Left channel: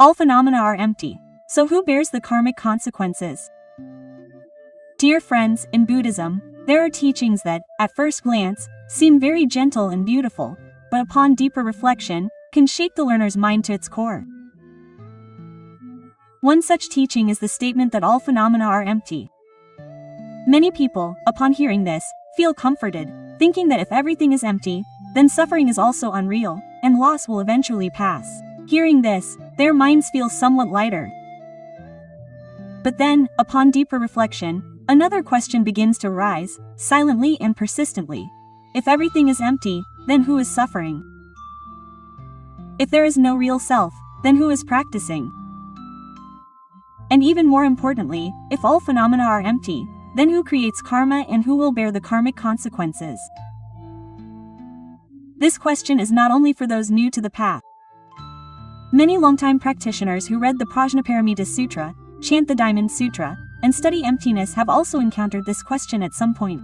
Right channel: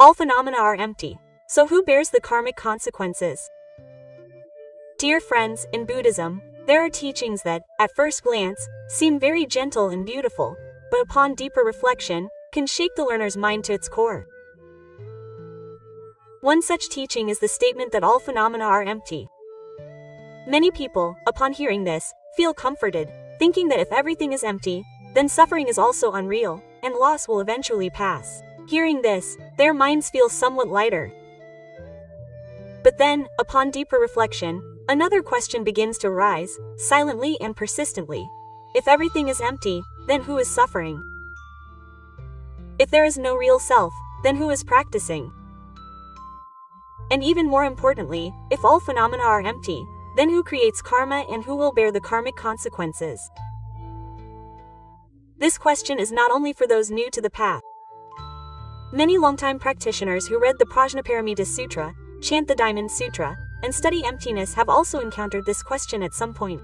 All phenomena are empty. So who bears the karmic consequences? Dear friends, in Buddhism, there are teachings that, at first glance, seem very gentle and beautiful, but upon deeper reflection, can shake the learner's mind to its core. One such teaching is the statement that all phenomena are empty. Many people, upon hearing this, feel comforted, thinking that if everything is empty, then suffering is also unreal, and loss will eventually pass. Hearing this, their minds feel somewhat lighter. But then, upon deeper reflection, another question begins to rise, silently and persistently. If everything is empty, then who is suffering? If there is no real self, then who is practicing? And even more importantly, if all phenomena are empty, then who creates karma and who will bear the karmic consequences? This question is not only for those new to the path. Many longtime practitioners who read the Prajnaparamita Sutra, chant the Diamond Sutra, and study emptiness have also encountered this question at some point.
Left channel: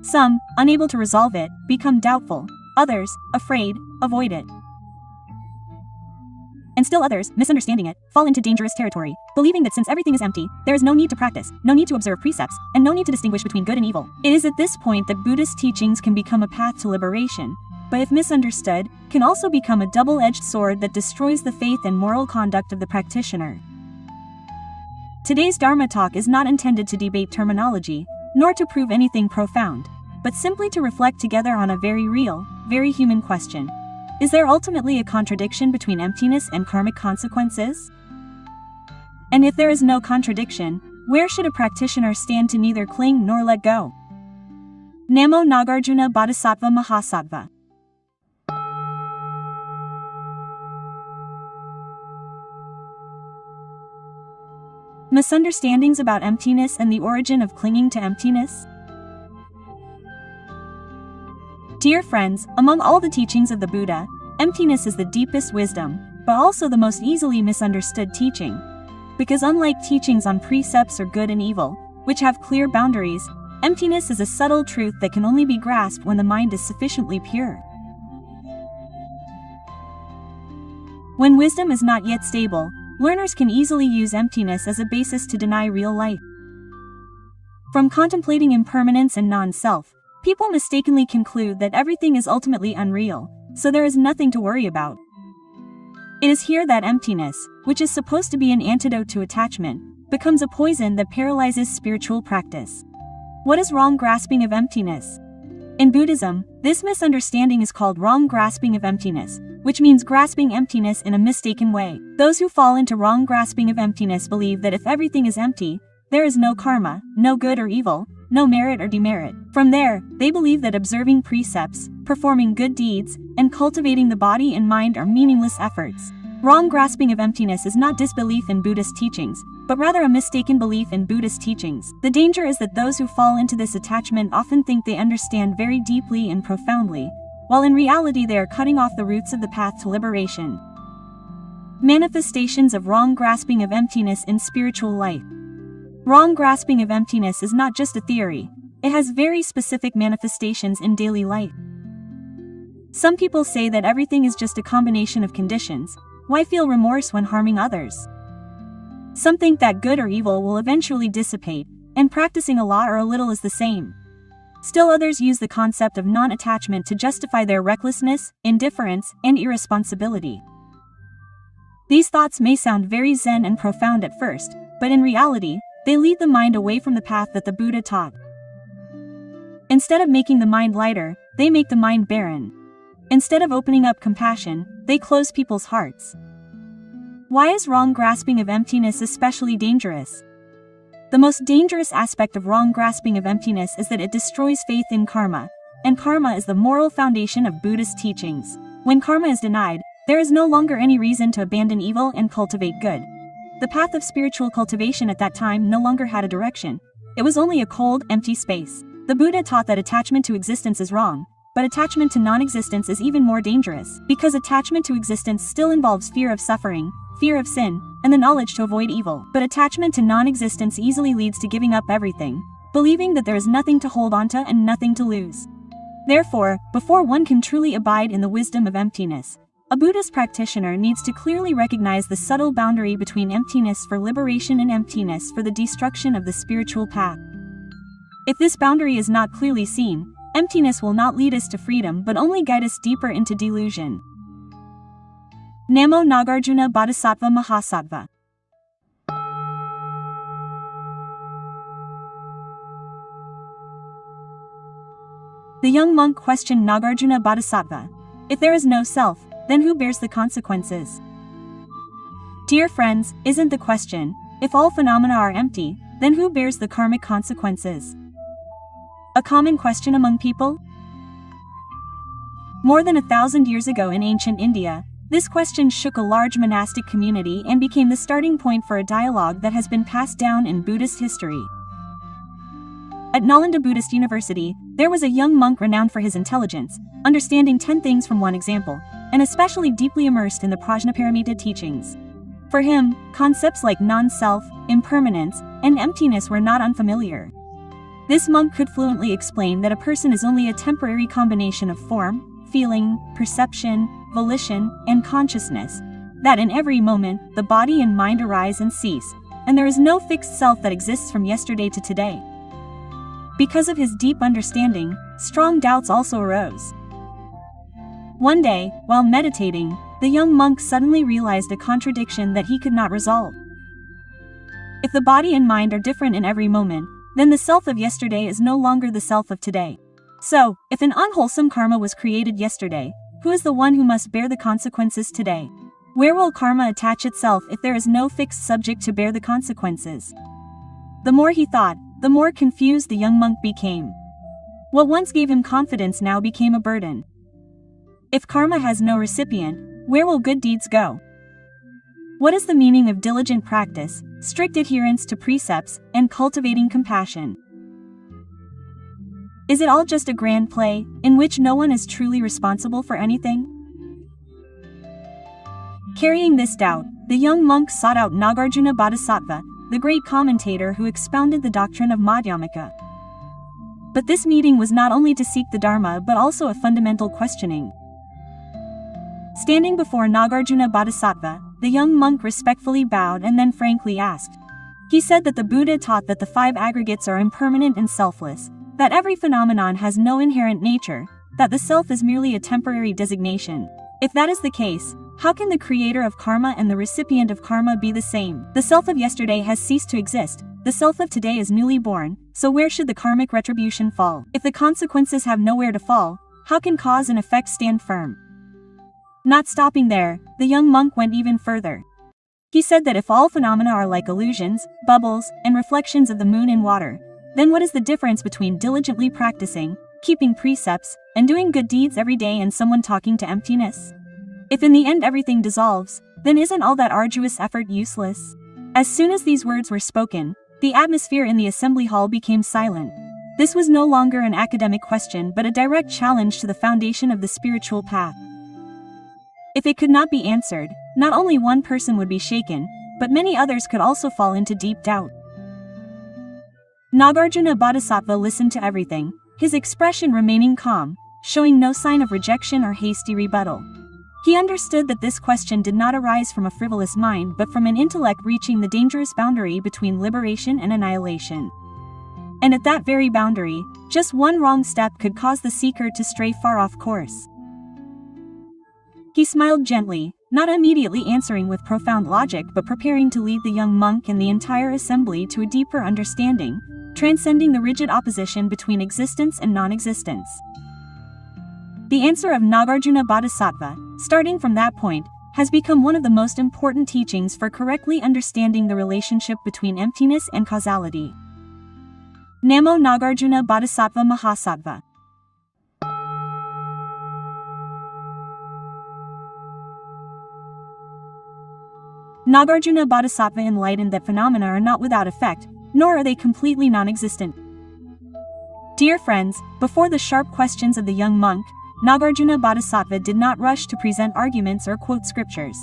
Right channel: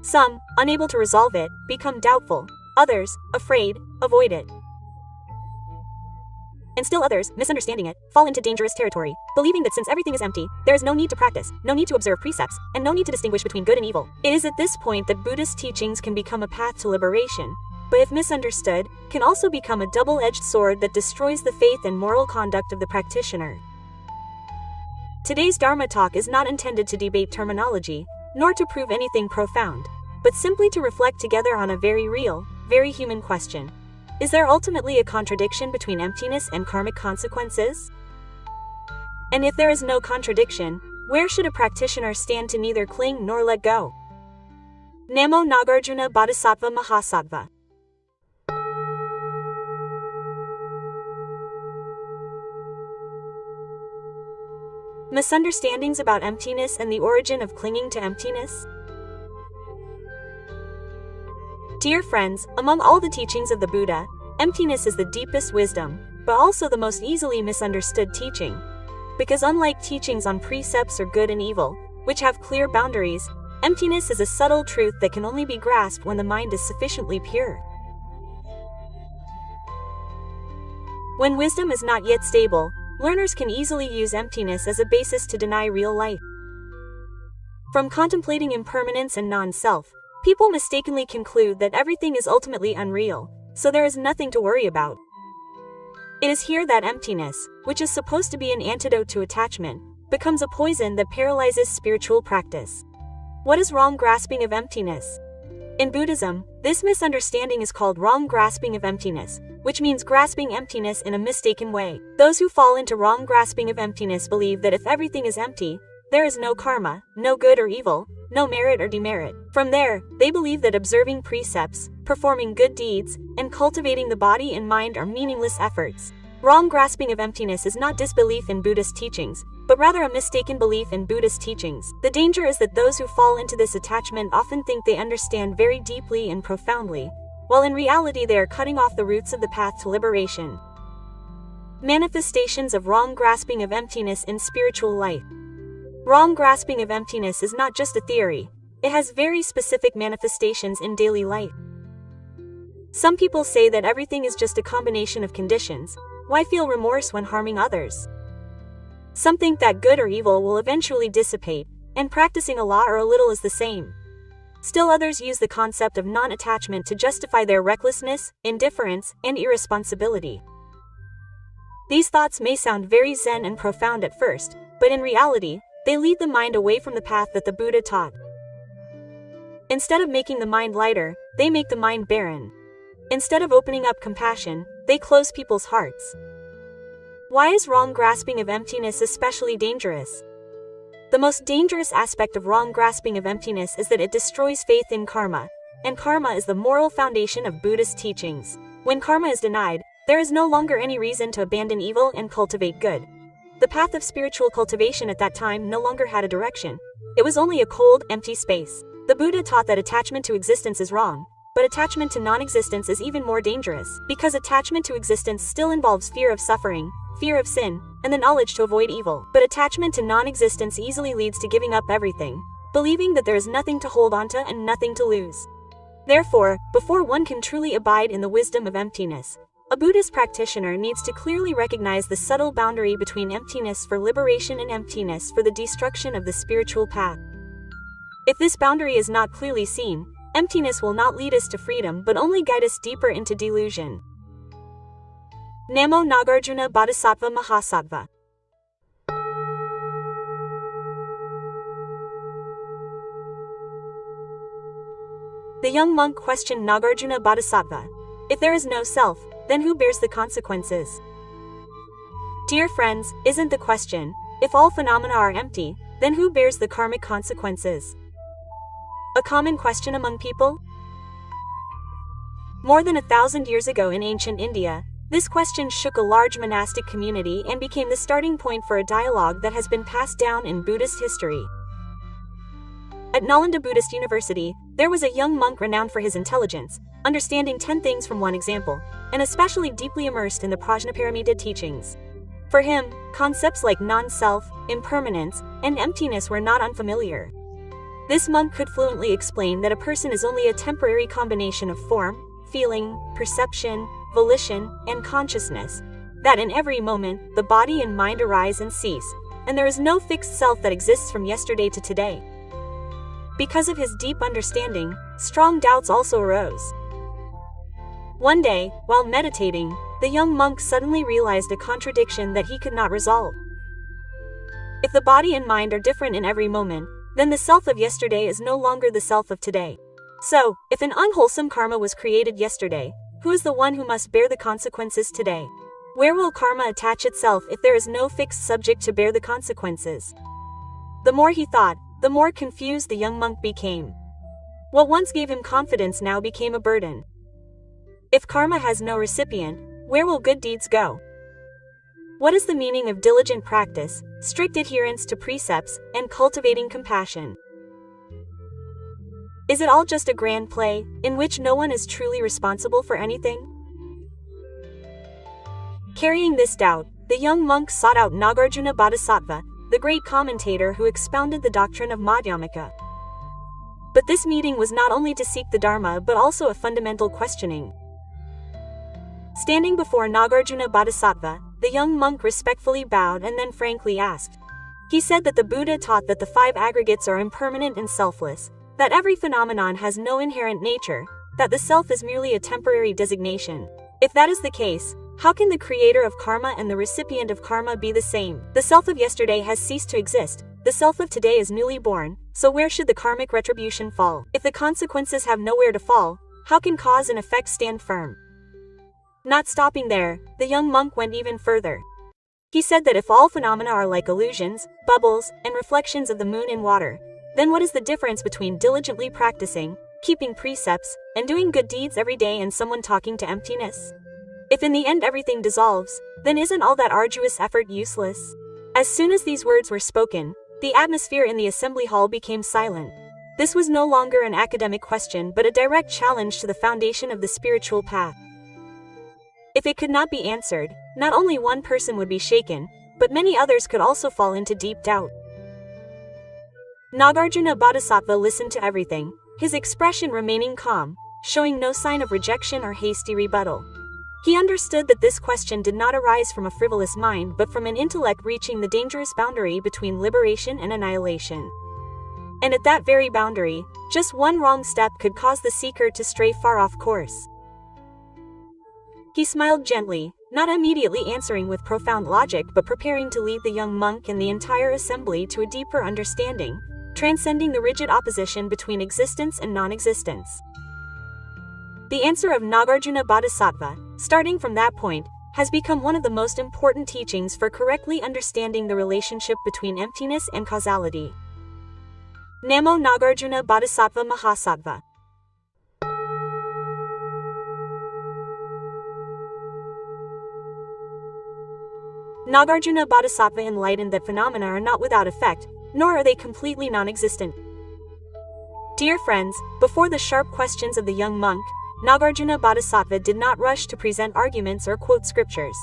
Some, unable to resolve it, become doubtful, others, afraid, avoid it. And still others, misunderstanding it, fall into dangerous territory, believing that since everything is empty, there is no need to practice, no need to observe precepts, and no need to distinguish between good and evil. It is at this point that Buddhist teachings can become a path to liberation, but if misunderstood, can also become a double-edged sword that destroys the faith and moral conduct of the practitioner. Today's Dharma talk is not intended to debate terminology, nor to prove anything profound, but simply to reflect together on a very real, very human question. Is there ultimately a contradiction between emptiness and karmic consequences? And if there is no contradiction, where should a practitioner stand to neither cling nor let go? Namo Nagarjuna Bodhisattva Mahasattva. Misunderstandings about emptiness and the origin of clinging to emptiness? Dear friends, among all the teachings of the Buddha, emptiness is the deepest wisdom, but also the most easily misunderstood teaching. Because unlike teachings on precepts or good and evil, which have clear boundaries, emptiness is a subtle truth that can only be grasped when the mind is sufficiently pure. When wisdom is not yet stable, learners can easily use emptiness as a basis to deny real life. From contemplating impermanence and non-self, people mistakenly conclude that everything is ultimately unreal, so there is nothing to worry about. It is here that emptiness, which is supposed to be an antidote to attachment, becomes a poison that paralyzes spiritual practice. What is wrong grasping of emptiness? In Buddhism, this misunderstanding is called wrong grasping of emptiness, which means grasping emptiness in a mistaken way. Those who fall into wrong grasping of emptiness believe that if everything is empty, there is no karma, no good or evil, no merit or demerit. From there, they believe that observing precepts, performing good deeds, and cultivating the body and mind are meaningless efforts. Wrong grasping of emptiness is not disbelief in Buddhist teachings, but rather a mistaken belief in Buddhist teachings. The danger is that those who fall into this attachment often think they understand very deeply and profoundly, while in reality they are cutting off the roots of the path to liberation. Manifestations of wrong grasping of emptiness in spiritual life. Wrong grasping of emptiness is not just a theory, it has very specific manifestations in daily life. Some people say that everything is just a combination of conditions. Why feel remorse when harming others? Some think that good or evil will eventually dissipate, and practicing a lot or a little is the same. Still others use the concept of non-attachment to justify their recklessness, indifference, and irresponsibility. These thoughts may sound very zen and profound at first, but in reality, they lead the mind away from the path that the Buddha taught. Instead of making the mind lighter, they make the mind barren. Instead of opening up compassion, they close people's hearts. Why is wrong grasping of emptiness especially dangerous? The most dangerous aspect of wrong grasping of emptiness is that it destroys faith in karma, and karma is the moral foundation of Buddhist teachings. When karma is denied, there is no longer any reason to abandon evil and cultivate good. The path of spiritual cultivation at that time no longer had a direction. It was only a cold, empty space. The Buddha taught that attachment to existence is wrong, but attachment to non-existence is even more dangerous, because attachment to existence still involves fear of suffering, fear of sin, and the knowledge to avoid evil. But attachment to non-existence easily leads to giving up everything, believing that there is nothing to hold onto and nothing to lose. Therefore, before one can truly abide in the wisdom of emptiness, A Buddhist practitioner needs to clearly recognize the subtle boundary between emptiness for liberation and emptiness for the destruction of the spiritual path. If this boundary is not clearly seen, emptiness will not lead us to freedom but only guide us deeper into delusion. Namo Nagarjuna Bodhisattva Mahasattva. The young monk questioned Nagarjuna Bodhisattva, "If there is no self, then who bears the consequences?" Dear friends, isn't the question, if all phenomena are empty, then who bears the karmic consequences? A common question among people? More than 1,000 years ago in ancient India, this question shook a large monastic community and became the starting point for a dialogue that has been passed down in Buddhist history. At Nalanda Buddhist University, there was a young monk renowned for his intelligence, understanding 10 things from one example, and especially deeply immersed in the Prajnaparamita teachings. For him, concepts like non-self, impermanence, and emptiness were not unfamiliar. This monk could fluently explain that a person is only a temporary combination of form, feeling, perception, volition, and consciousness, that in every moment, the body and mind arise and cease, and there is no fixed self that exists from yesterday to today. Because of his deep understanding, strong doubts also arose. One day, while meditating, the young monk suddenly realized a contradiction that he could not resolve. If the body and mind are different in every moment, then the self of yesterday is no longer the self of today. So, if an unwholesome karma was created yesterday, who is the one who must bear the consequences today? Where will karma attach itself if there is no fixed subject to bear the consequences? The more he thought, the more confused the young monk became. What once gave him confidence now became a burden. If karma has no recipient, where will good deeds go? What is the meaning of diligent practice, strict adherence to precepts, and cultivating compassion? Is it all just a grand play, in which no one is truly responsible for anything? Carrying this doubt, the young monk sought out Nagarjuna Bodhisattva, the great commentator who expounded the doctrine of Madhyamaka. But this meeting was not only to seek the Dharma but also a fundamental questioning. Standing before Nagarjuna Bodhisattva, the young monk respectfully bowed and then frankly asked. He said that the Buddha taught that the 5 aggregates are impermanent and selfless, that every phenomenon has no inherent nature, that the self is merely a temporary designation. If that is the case, how can the creator of karma and the recipient of karma be the same? The self of yesterday has ceased to exist, the self of today is newly born, so where should the karmic retribution fall? If the consequences have nowhere to fall, how can cause and effect stand firm? Not stopping there, the young monk went even further. He said that if all phenomena are like illusions, bubbles, and reflections of the moon in water, then what is the difference between diligently practicing, keeping precepts, and doing good deeds every day and someone talking to emptiness? If in the end everything dissolves, then isn't all that arduous effort useless? As soon as these words were spoken, the atmosphere in the assembly hall became silent. This was no longer an academic question but a direct challenge to the foundation of the spiritual path. If it could not be answered, not only one person would be shaken, but many others could also fall into deep doubt. Nagarjuna Bodhisattva listened to everything, his expression remaining calm, showing no sign of rejection or hasty rebuttal. He understood that this question did not arise from a frivolous mind but from an intellect reaching the dangerous boundary between liberation and annihilation. And at that very boundary, just one wrong step could cause the seeker to stray far off course. He smiled gently, not immediately answering with profound logic but preparing to lead the young monk and the entire assembly to a deeper understanding, transcending the rigid opposition between existence and non-existence. The answer of Nagarjuna Bodhisattva, starting from that point, has become one of the most important teachings for correctly understanding the relationship between emptiness and causality. Namo Nagarjuna Bodhisattva Mahasattva. Nagarjuna Bodhisattva enlightened that phenomena are not without effect, nor are they completely non-existent. Dear friends, before the sharp questions of the young monk, Nagarjuna Bodhisattva did not rush to present arguments or quote scriptures.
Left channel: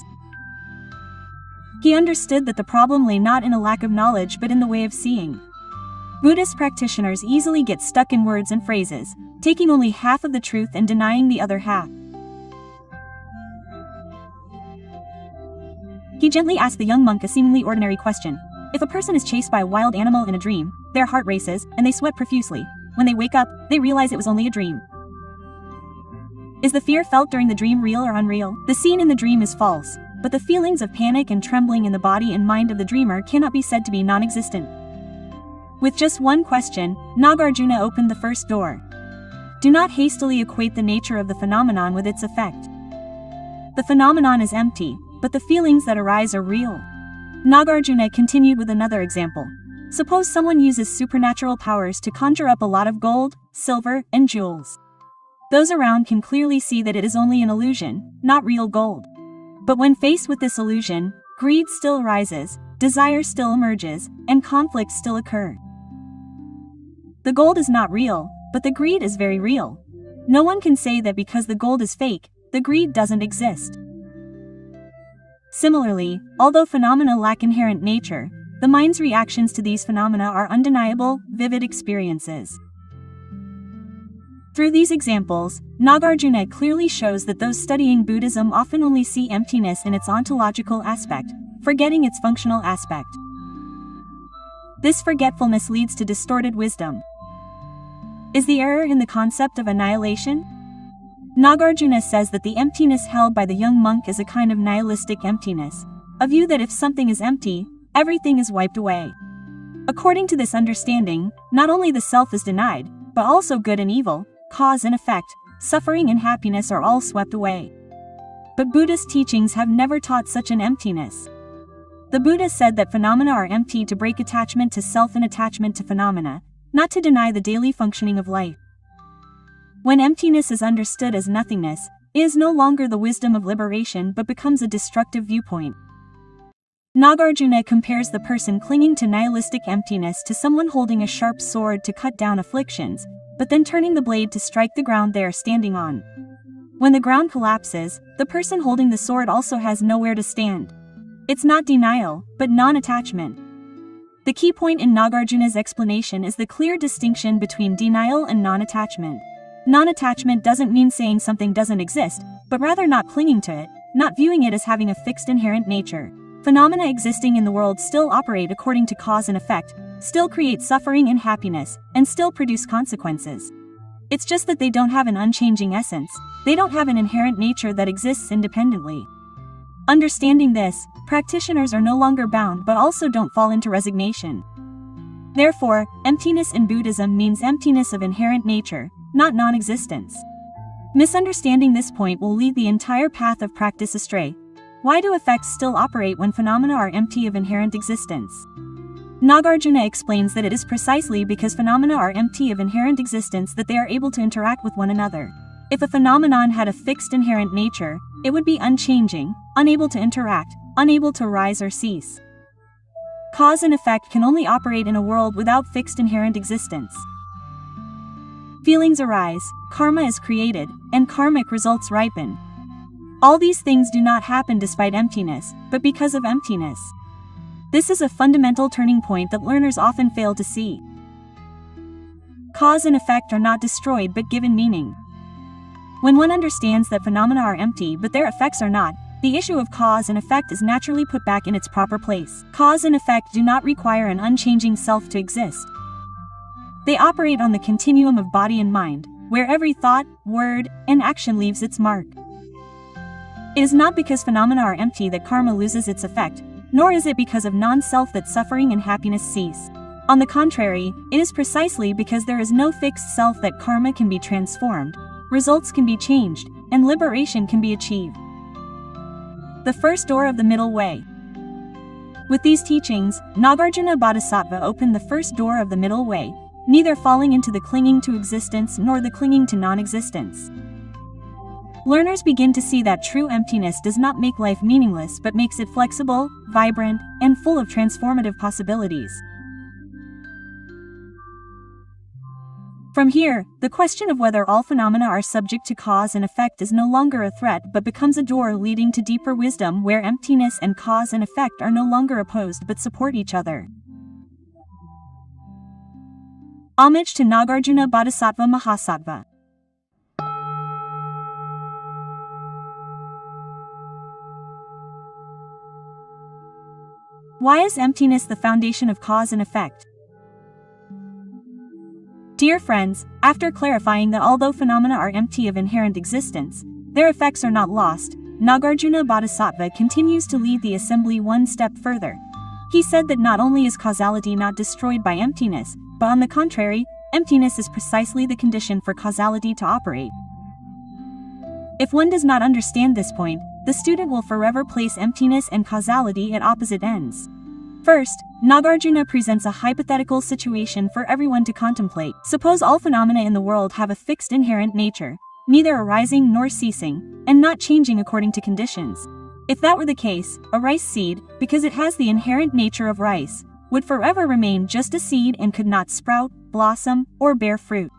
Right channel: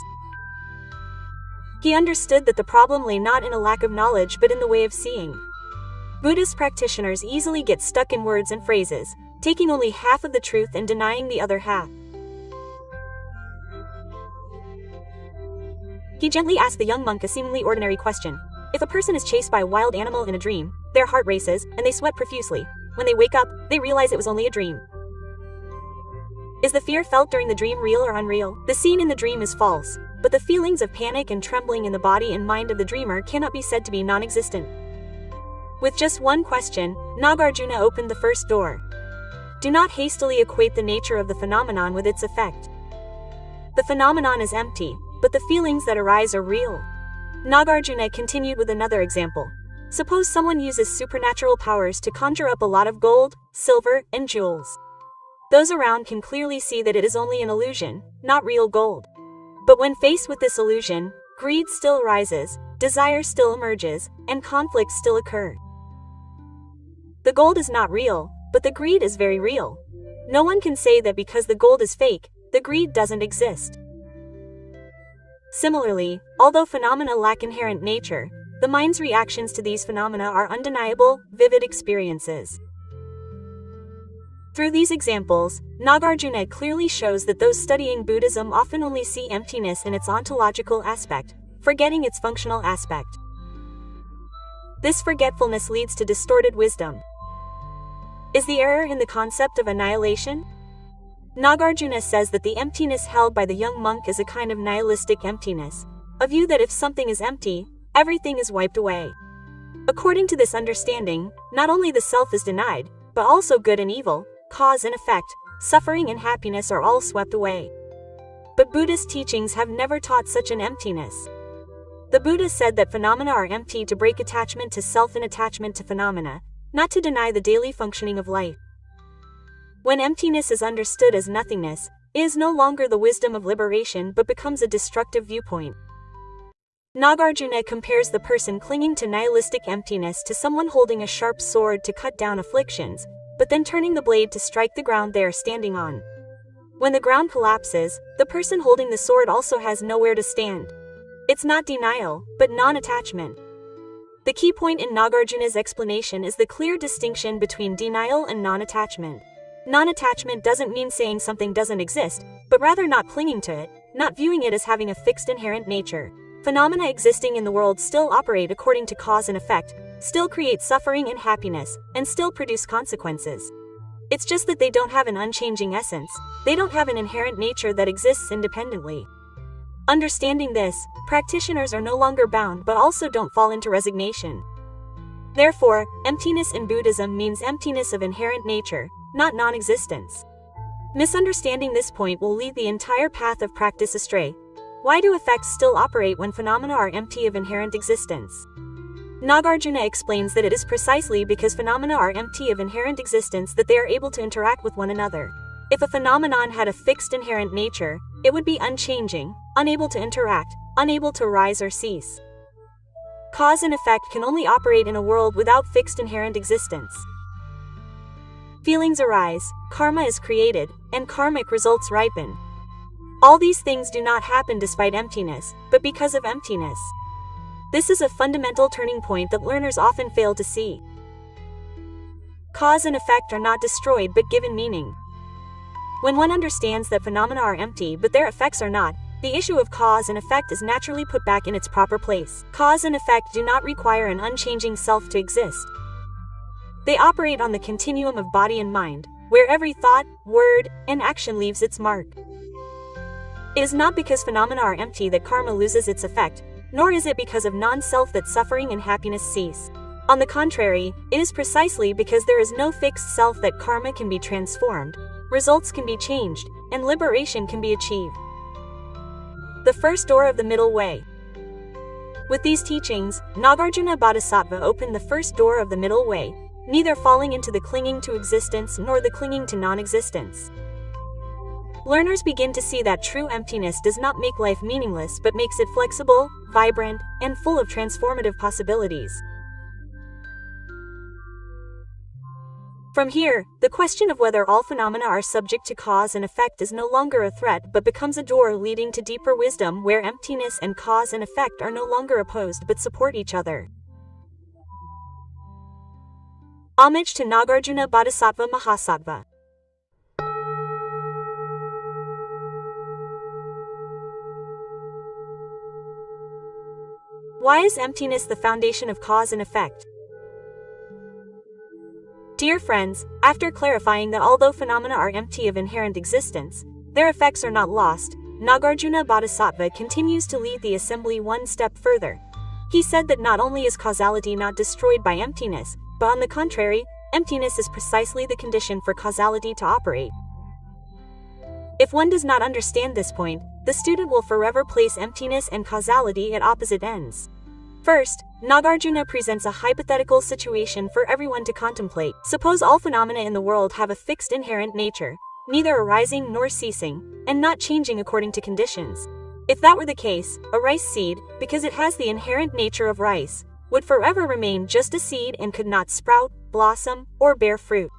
He understood that the problem lay not in a lack of knowledge but in the way of seeing. Buddhist practitioners easily get stuck in words and phrases, taking only half of the truth and denying the other half. He gently asked the young monk a seemingly ordinary question. If a person is chased by a wild animal in a dream, their heart races, and they sweat profusely. When they wake up, they realize it was only a dream. Is the fear felt during the dream real or unreal? The scene in the dream is false, but the feelings of panic and trembling in the body and mind of the dreamer cannot be said to be non-existent. With just one question, Nagarjuna opened the first door. Do not hastily equate the nature of the phenomenon with its effect. The phenomenon is empty, but the feelings that arise are real. Nagarjuna continued with another example. Suppose someone uses supernatural powers to conjure up a lot of gold, silver, and jewels. Those around can clearly see that it is only an illusion, not real gold. But when faced with this illusion, greed still arises, desire still emerges, and conflicts still occur. The gold is not real, but the greed is very real. No one can say that because the gold is fake, the greed doesn't exist. Similarly, although phenomena lack inherent nature, the mind's reactions to these phenomena are undeniable, vivid experiences. Through these examples, Nagarjuna clearly shows that those studying Buddhism often only see emptiness in its ontological aspect, forgetting its functional aspect. This forgetfulness leads to distorted wisdom. Is the error in the concept of annihilation? Nagarjuna says that the emptiness held by the young monk is a kind of nihilistic emptiness, a view that if something is empty, everything is wiped away. According to this understanding, not only the self is denied, but also good and evil, cause and effect, suffering and happiness are all swept away. But Buddhist teachings have never taught such an emptiness. The Buddha said that phenomena are empty to break attachment to self and attachment to phenomena, not to deny the daily functioning of life. When emptiness is understood as nothingness, it is no longer the wisdom of liberation but becomes a destructive viewpoint. Nagarjuna compares the person clinging to nihilistic emptiness to someone holding a sharp sword to cut down afflictions, but then turning the blade to strike the ground they are standing on. When the ground collapses, the person holding the sword also has nowhere to stand. It's not denial, but non-attachment. The key point in Nagarjuna's explanation is the clear distinction between denial and non-attachment. Non-attachment doesn't mean saying something doesn't exist, but rather not clinging to it, not viewing it as having a fixed inherent nature. Phenomena existing in the world still operate according to cause and effect, still create suffering and happiness, and still produce consequences. It's just that they don't have an unchanging essence, they don't have an inherent nature that exists independently. Understanding this, practitioners are no longer bound but also don't fall into resignation. Therefore, emptiness in Buddhism means emptiness of inherent nature, not non-existence. Misunderstanding this point will lead the entire path of practice astray. Why do effects still operate when phenomena are empty of inherent existence? Nagarjuna explains that it is precisely because phenomena are empty of inherent existence that they are able to interact with one another. If a phenomenon had a fixed inherent nature, it would be unchanging, unable to interact, unable to arise or cease. Cause and effect can only operate in a world without fixed inherent existence. Feelings arise, karma is created, and karmic results ripen. All these things do not happen despite emptiness, but because of emptiness. This is a fundamental turning point that learners often fail to see. Cause and effect are not destroyed but given meaning. When one understands that phenomena are empty but their effects are not, the issue of cause and effect is naturally put back in its proper place. Cause and effect do not require an unchanging self to exist. They operate on the continuum of body and mind, where every thought, word, and action leaves its mark. It is not because phenomena are empty that karma loses its effect, nor is it because of non-self that suffering and happiness cease. On the contrary, it is precisely because there is no fixed self that karma can be transformed, results can be changed, and liberation can be achieved. The first door of the middle way. With these teachings, Nagarjuna Bodhisattva opened the first door of the middle way, neither falling into the clinging to existence nor the clinging to non-existence. Learners begin to see that true emptiness does not make life meaningless but makes it flexible, vibrant, and full of transformative possibilities. From here, the question of whether all phenomena are subject to cause and effect is no longer a threat but becomes a door leading to deeper wisdom where emptiness and cause and effect are no longer opposed but support each other. Homage to Nagarjuna Bodhisattva Mahasattva. Why is emptiness the foundation of cause and effect? Dear friends, after clarifying that although phenomena are empty of inherent existence, their effects are not lost, Nagarjuna Bodhisattva continues to lead the assembly one step further. He said that not only is causality not destroyed by emptiness, but on the contrary, emptiness is precisely the condition for causality to operate. If one does not understand this point, the student will forever place emptiness and causality at opposite ends. First, Nagarjuna presents a hypothetical situation for everyone to contemplate. Suppose all phenomena in the world have a fixed inherent nature, neither arising nor ceasing, and not changing according to conditions. If that were the case, a rice seed, because it has the inherent nature of rice, would forever remain just a seed and could not sprout, blossom, or bear fruit.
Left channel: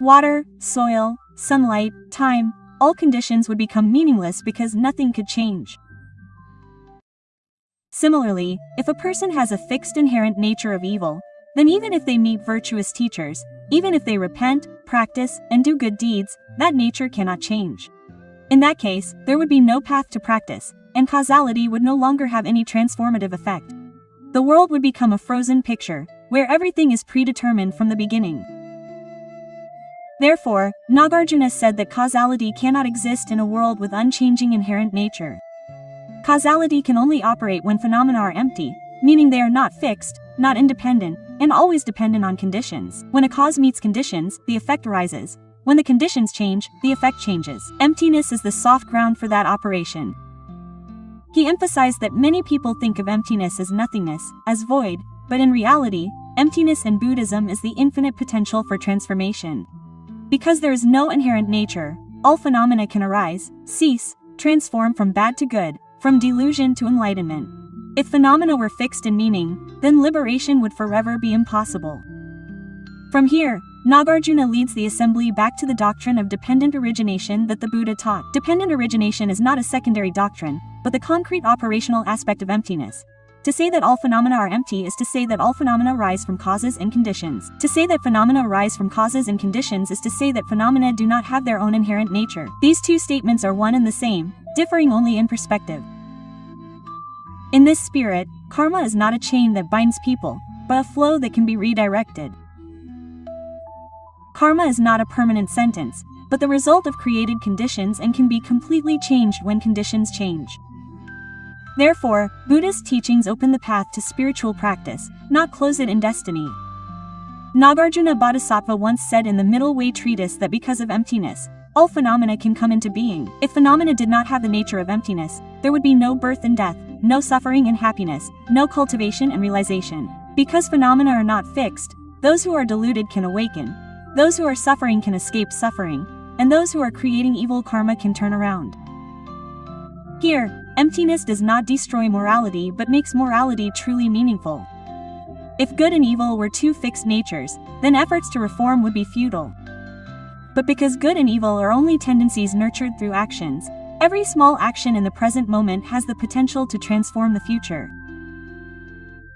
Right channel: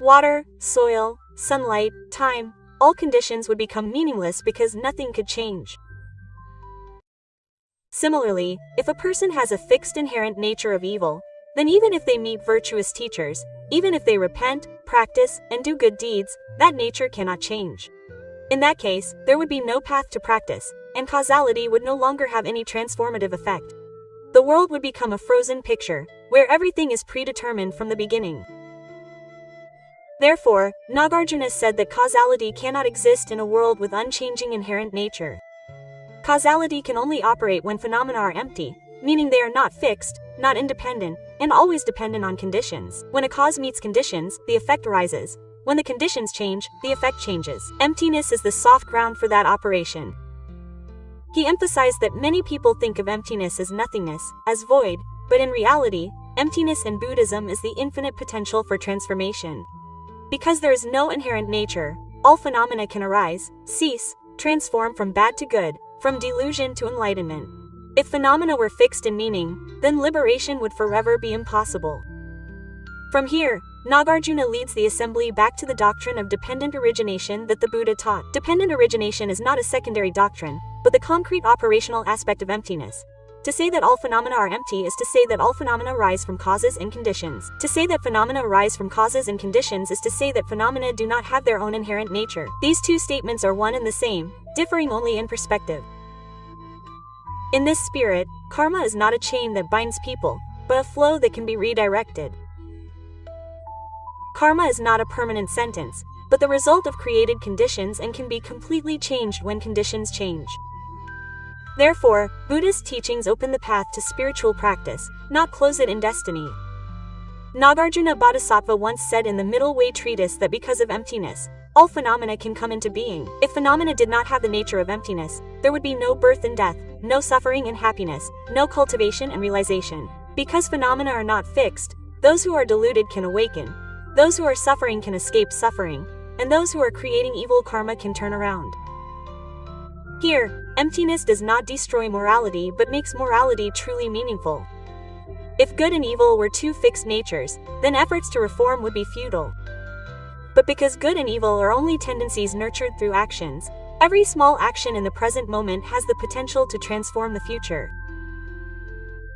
Water, soil, sunlight, time, all conditions would become meaningless because nothing could change. Similarly, if a person has a fixed inherent nature of evil, then even if they meet virtuous teachers, even if they repent, practice, and do good deeds, that nature cannot change. In that case, there would be no path to practice, and causality would no longer have any transformative effect. The world would become a frozen picture, where everything is predetermined from the beginning. Therefore, Nagarjuna said that causality cannot exist in a world with unchanging inherent nature. Causality can only operate when phenomena are empty, meaning they are not fixed, not independent, and always dependent on conditions. When a cause meets conditions, the effect arises. When the conditions change, the effect changes. Emptiness is the soft ground for that operation. He emphasized that many people think of emptiness as nothingness, as void, but in reality, emptiness in Buddhism is the infinite potential for transformation. Because there is no inherent nature, all phenomena can arise, cease, transform from bad to good, from delusion to enlightenment. If phenomena were fixed in meaning, then liberation would forever be impossible. From here, Nagarjuna leads the assembly back to the doctrine of dependent origination that the Buddha taught. Dependent origination is not a secondary doctrine, but the concrete operational aspect of emptiness. To say that all phenomena are empty is to say that all phenomena arise from causes and conditions. To say that phenomena arise from causes and conditions is to say that phenomena do not have their own inherent nature. These two statements are one and the same, differing only in perspective. In this spirit, karma is not a chain that binds people, but a flow that can be redirected. Karma is not a permanent sentence, but the result of created conditions and can be completely changed when conditions change. Therefore, Buddhist teachings open the path to spiritual practice, not close it in destiny. Nagarjuna Bodhisattva once said in the Middle Way treatise that because of emptiness, all phenomena can come into being. If phenomena did not have the nature of emptiness, there would be no birth and death, no suffering and happiness, no cultivation and realization. Because phenomena are not fixed, those who are deluded can awaken, those who are suffering can escape suffering, and those who are creating evil karma can turn around. Here, emptiness does not destroy morality but makes morality truly meaningful. If good and evil were two fixed natures, then efforts to reform would be futile. But because good and evil are only tendencies nurtured through actions, every small action in the present moment has the potential to transform the future.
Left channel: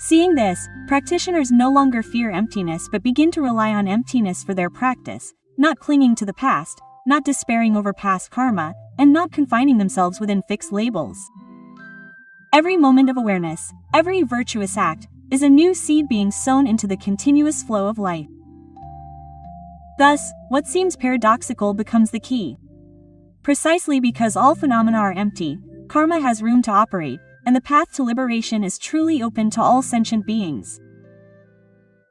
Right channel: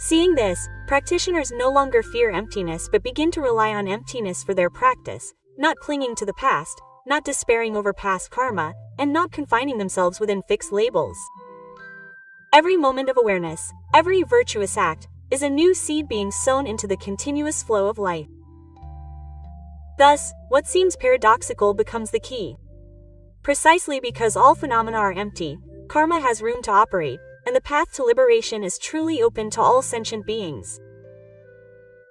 Seeing this, practitioners no longer fear emptiness but begin to rely on emptiness for their practice, not clinging to the past, not despairing over past karma, and not confining themselves within fixed labels. Every moment of awareness, every virtuous act, is a new seed being sown into the continuous flow of life. Thus, what seems paradoxical becomes the key. Precisely because all phenomena are empty, karma has room to operate, and the path to liberation is truly open to all sentient beings.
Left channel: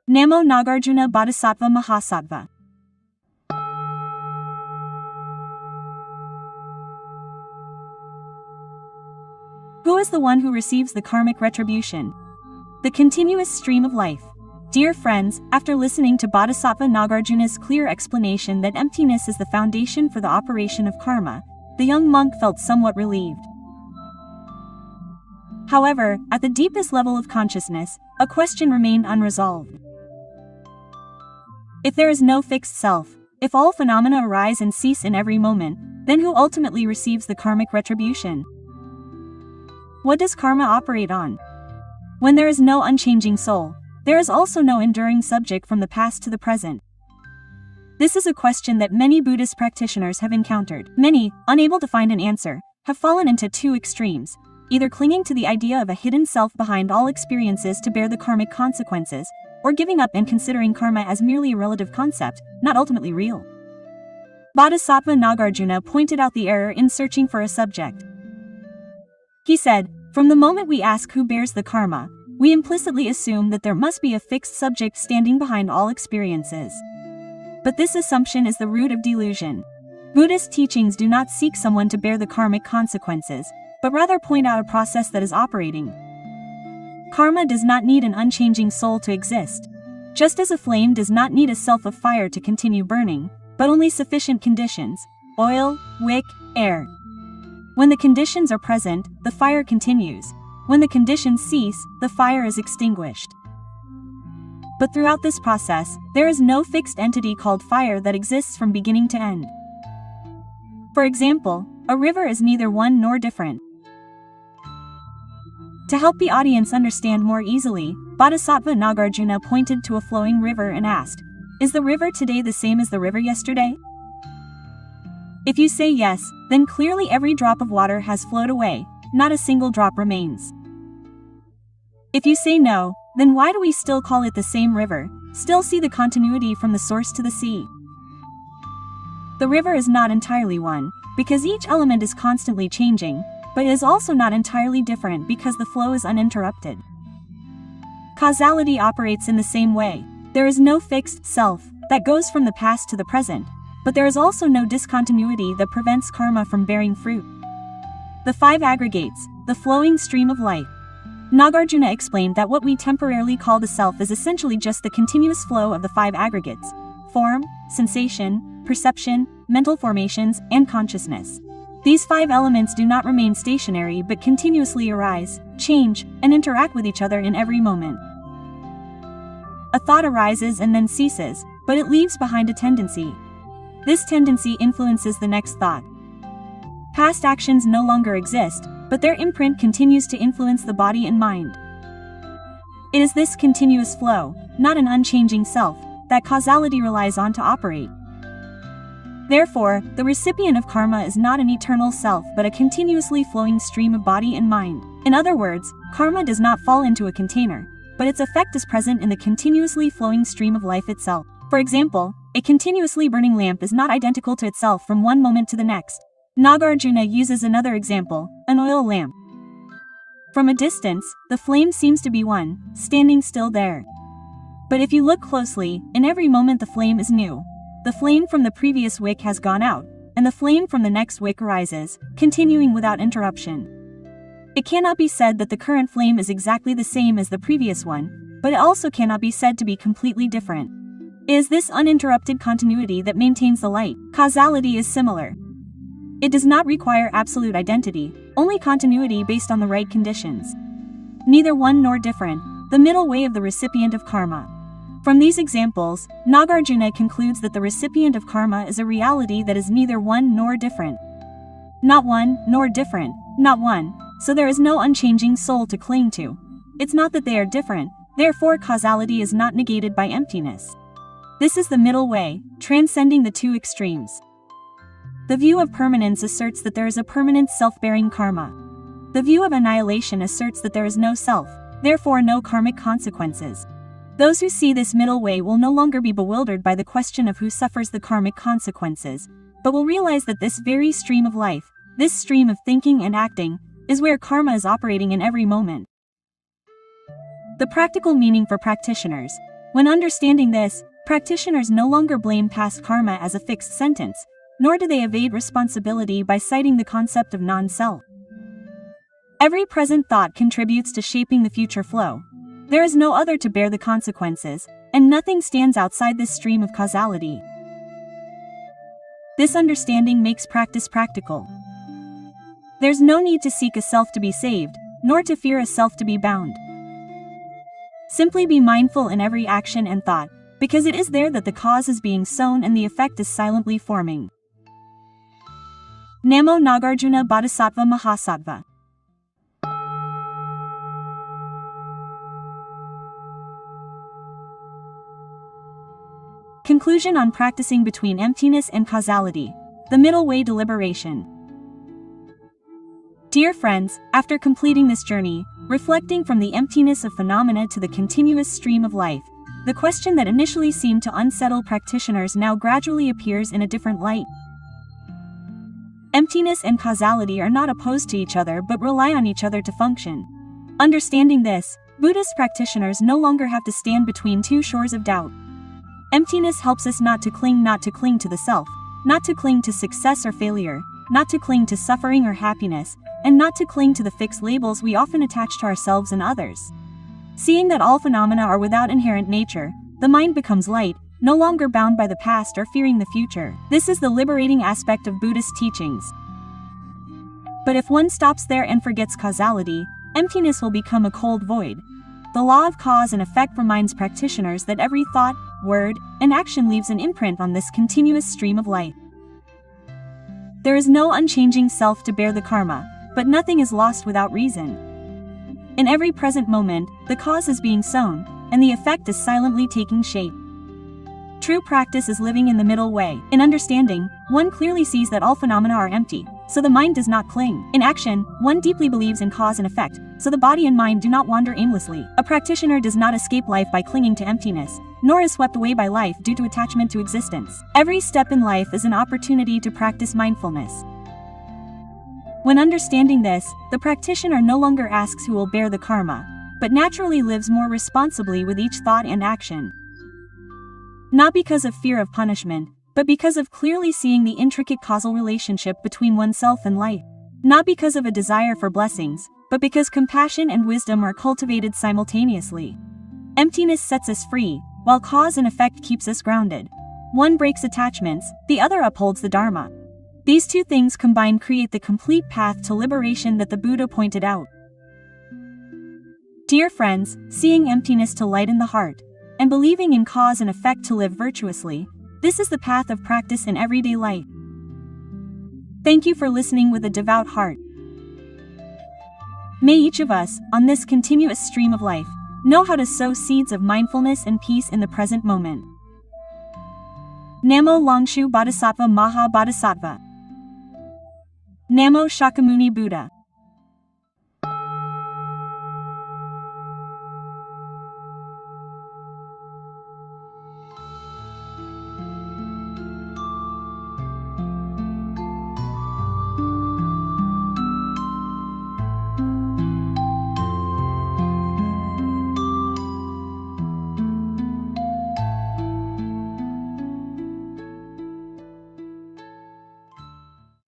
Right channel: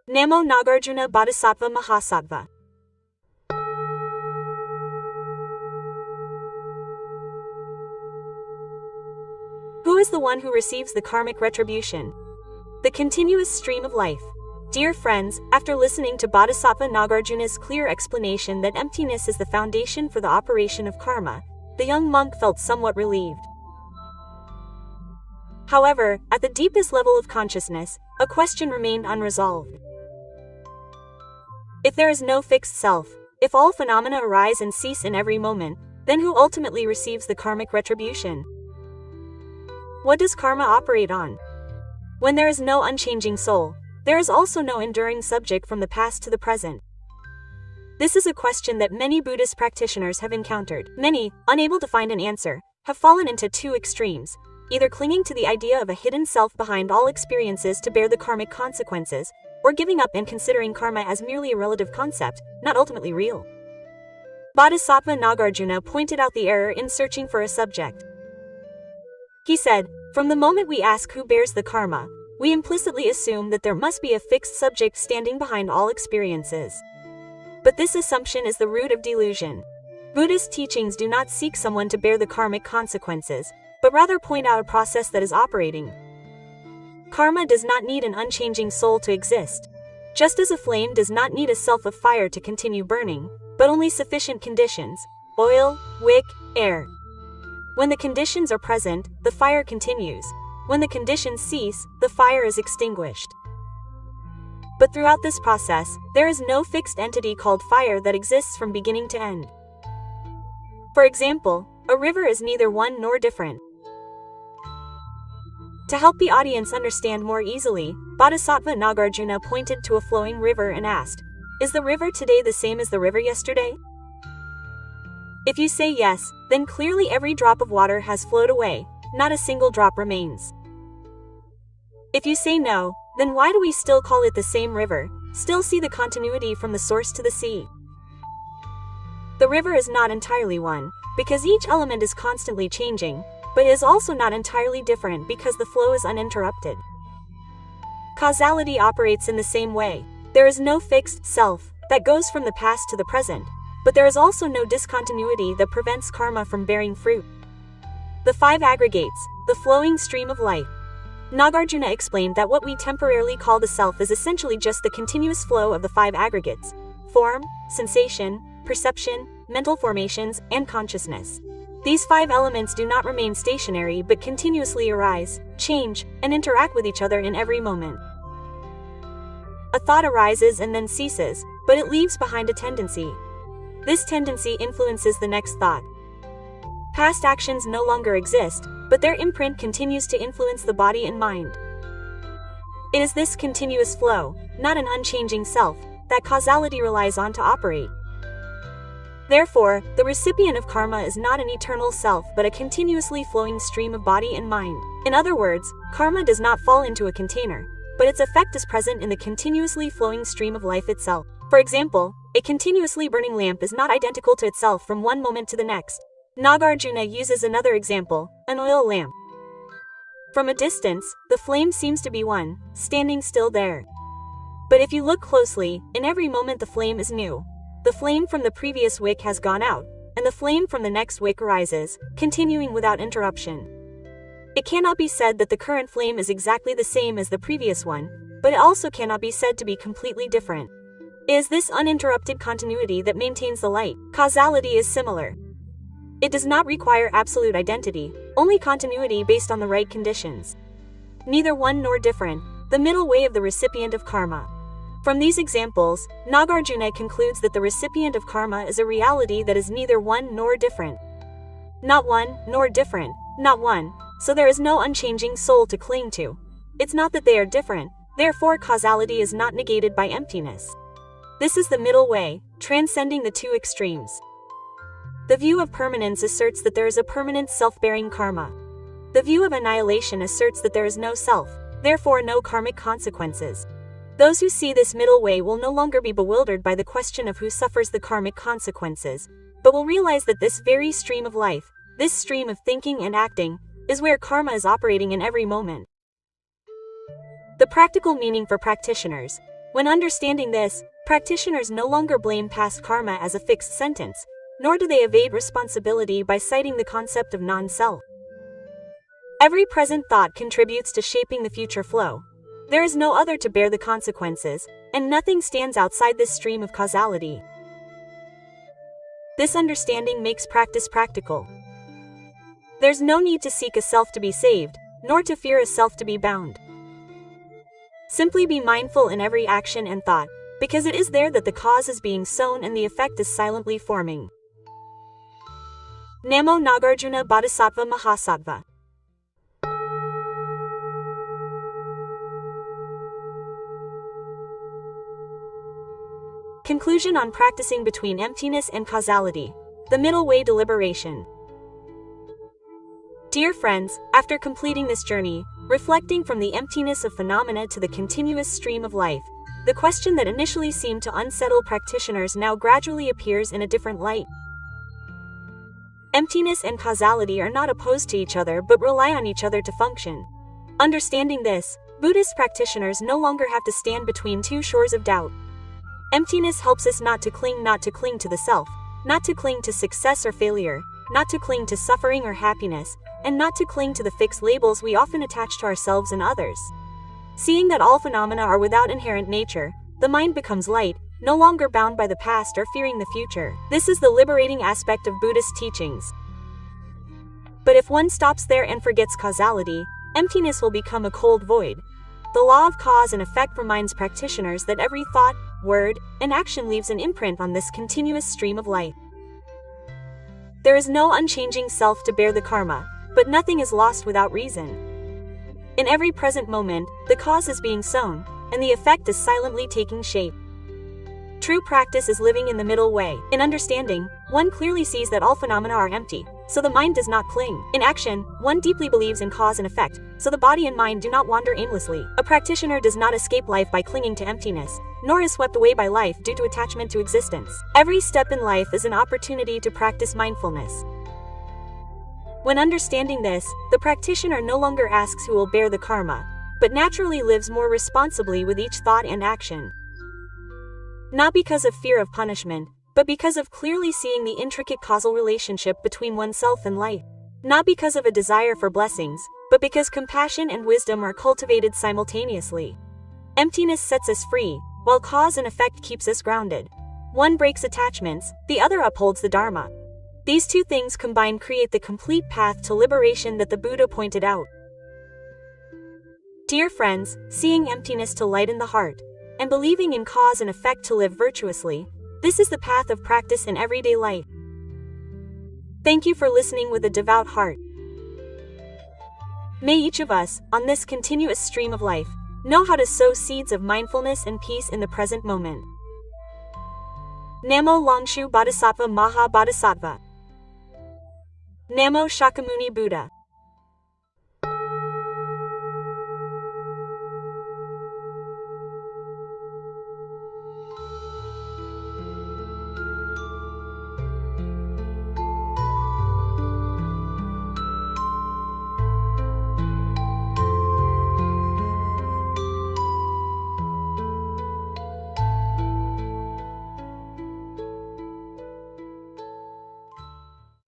Namo Nagarjuna Bodhisattva Mahasattva. Who is the one who receives the karmic retribution? The continuous stream of life. Dear friends, after listening to Bodhisattva Nagarjuna's clear explanation that emptiness is the foundation for the operation of karma, the young monk felt somewhat relieved. However, at the deepest level of consciousness, a question remained unresolved. If there is no fixed self, if all phenomena arise and cease in every moment, then who ultimately receives the karmic retribution? What does karma operate on? When there is no unchanging soul, there is also no enduring subject from the past to the present. This is a question that many Buddhist practitioners have encountered. Many, unable to find an answer, have fallen into two extremes. either clinging to the idea of a hidden self behind all experiences to bear the karmic consequences, or giving up and considering karma as merely a relative concept, not ultimately real. Bodhisattva Nagarjuna pointed out the error in searching for a subject. He said, "From the moment we ask who bears the karma, we implicitly assume that there must be a fixed subject standing behind all experiences. But this assumption is the root of delusion. Buddhist teachings do not seek someone to bear the karmic consequences, but rather point out a process that is operating. Karma does not need an unchanging soul to exist. Just as a flame does not need a self of fire to continue burning, but only sufficient conditions: oil, wick, air. When the conditions are present, the fire continues. When the conditions cease, the fire is extinguished. But throughout this process, there is no fixed entity called fire that exists from beginning to end. For example, a river is neither one nor different." To help the audience understand more easily, Bodhisattva Nagarjuna pointed to a flowing river and asked, "Is the river today the same as the river yesterday?" If you say yes, then clearly every drop of water has flowed away, not a single drop remains. If you say no, then why do we still call it the same river, still see the continuity from the source to the sea? The river is not entirely one, because each element is constantly changing, but is also not entirely different because the flow is uninterrupted. Causality operates in the same way. There is no fixed self that goes from the past to the present, but there is also no discontinuity that prevents karma from bearing fruit. The five aggregates, the flowing stream of life. Nagarjuna explained that what we temporarily call the self is essentially just the continuous flow of the five aggregates: form, sensation, perception, mental formations, and consciousness. These five elements do not remain stationary but continuously arise, change, and interact with each other in every moment. A thought arises and then ceases, but it leaves behind a tendency. This tendency influences the next thought. Past actions no longer exist, but their imprint continues to influence the body and mind. It is this continuous flow, not an unchanging self, that causality relies on to operate. Therefore, the recipient of karma is not an eternal self but a continuously flowing stream of body and mind. In other words, karma does not fall into a container, but its effect is present in the continuously flowing stream of life itself. For example, a continuously burning lamp is not identical to itself from one moment to the next. Nagarjuna uses another example, an oil lamp. From a distance, the flame seems to be one, standing still there. But if you look closely, in every moment the flame is new. The flame from the previous wick has gone out, and the flame from the next wick rises, continuing without interruption. It cannot be said that the current flame is exactly the same as the previous one, but it also cannot be said to be completely different. It is this uninterrupted continuity that maintains the light. Causality is similar. It does not require absolute identity, only continuity based on the right conditions. Neither one nor different, the middle way of the recipient of karma. From these examples, Nagarjuna concludes that the recipient of karma is a reality that is neither one nor different. Not one, nor different, not one, so there is no unchanging soul to cling to. It's not that they are different, therefore causality is not negated by emptiness. This is the middle way, transcending the two extremes. The view of permanence asserts that there is a permanent self-bearing karma. The view of annihilation asserts that there is no self, therefore no karmic consequences. Those who see this middle way will no longer be bewildered by the question of who suffers the karmic consequences, but will realize that this very stream of life, this stream of thinking and acting, is where karma is operating in every moment. The practical meaning for practitioners. When understanding this, practitioners no longer blame past karma as a fixed sentence, nor do they evade responsibility by citing the concept of non-self. Every present thought contributes to shaping the future flow. There is no other to bear the consequences, and nothing stands outside this stream of causality. This understanding makes practice practical. There's no need to seek a self to be saved, nor to fear a self to be bound. Simply be mindful in every action and thought, because it is there that the cause is being sown and the effect is silently forming. Namo Nagarjuna Bodhisattva Mahasattva. Conclusion on practicing between emptiness and causality. The middle way deliberation. Dear friends, after completing this journey, reflecting from the emptiness of phenomena to the continuous stream of life, the question that initially seemed to unsettle practitioners now gradually appears in a different light. Emptiness and causality are not opposed to each other but rely on each other to function. Understanding this, Buddhist practitioners no longer have to stand between two shores of doubt. Emptiness helps us not to cling to the self, not to cling to success or failure, not to cling to suffering or happiness, and not to cling to the fixed labels we often attach to ourselves and others. Seeing that all phenomena are without inherent nature, the mind becomes light, no longer bound by the past or fearing the future. This is the liberating aspect of Buddhist teachings. But if one stops there and forgets causality, emptiness will become a cold void. The law of cause and effect reminds practitioners that every thought, word, and action leaves an imprint on this continuous stream of life. There is no unchanging self to bear the karma, but nothing is lost without reason. In every present moment, the cause is being sown, and the effect is silently taking shape. True practice is living in the middle way. In understanding, one clearly sees that all phenomena are empty, so the mind does not cling. In action, one deeply believes in cause and effect, so the body and mind do not wander aimlessly. A practitioner does not escape life by clinging to emptiness, nor is swept away by life due to attachment to existence. Every step in life is an opportunity to practice mindfulness. When understanding this, the practitioner no longer asks who will bear the karma, but naturally lives more responsibly with each thought and action. Not because of fear of punishment, but because of clearly seeing the intricate causal relationship between oneself and life. Not because of a desire for blessings, but because compassion and wisdom are cultivated simultaneously. Emptiness sets us free, while cause and effect keeps us grounded. One breaks attachments, the other upholds the Dharma. These two things combined create the complete path to liberation that the Buddha pointed out. Dear friends, seeing emptiness to lighten the heart, and believing in cause and effect to live virtuously, this is the path of practice in everyday life. Thank you for listening with a devout heart. May each of us, on this continuous stream of life, know how to sow seeds of mindfulness and peace in the present moment. Namo Langshu Bodhisattva Maha Bodhisattva. Namo Shakyamuni Buddha.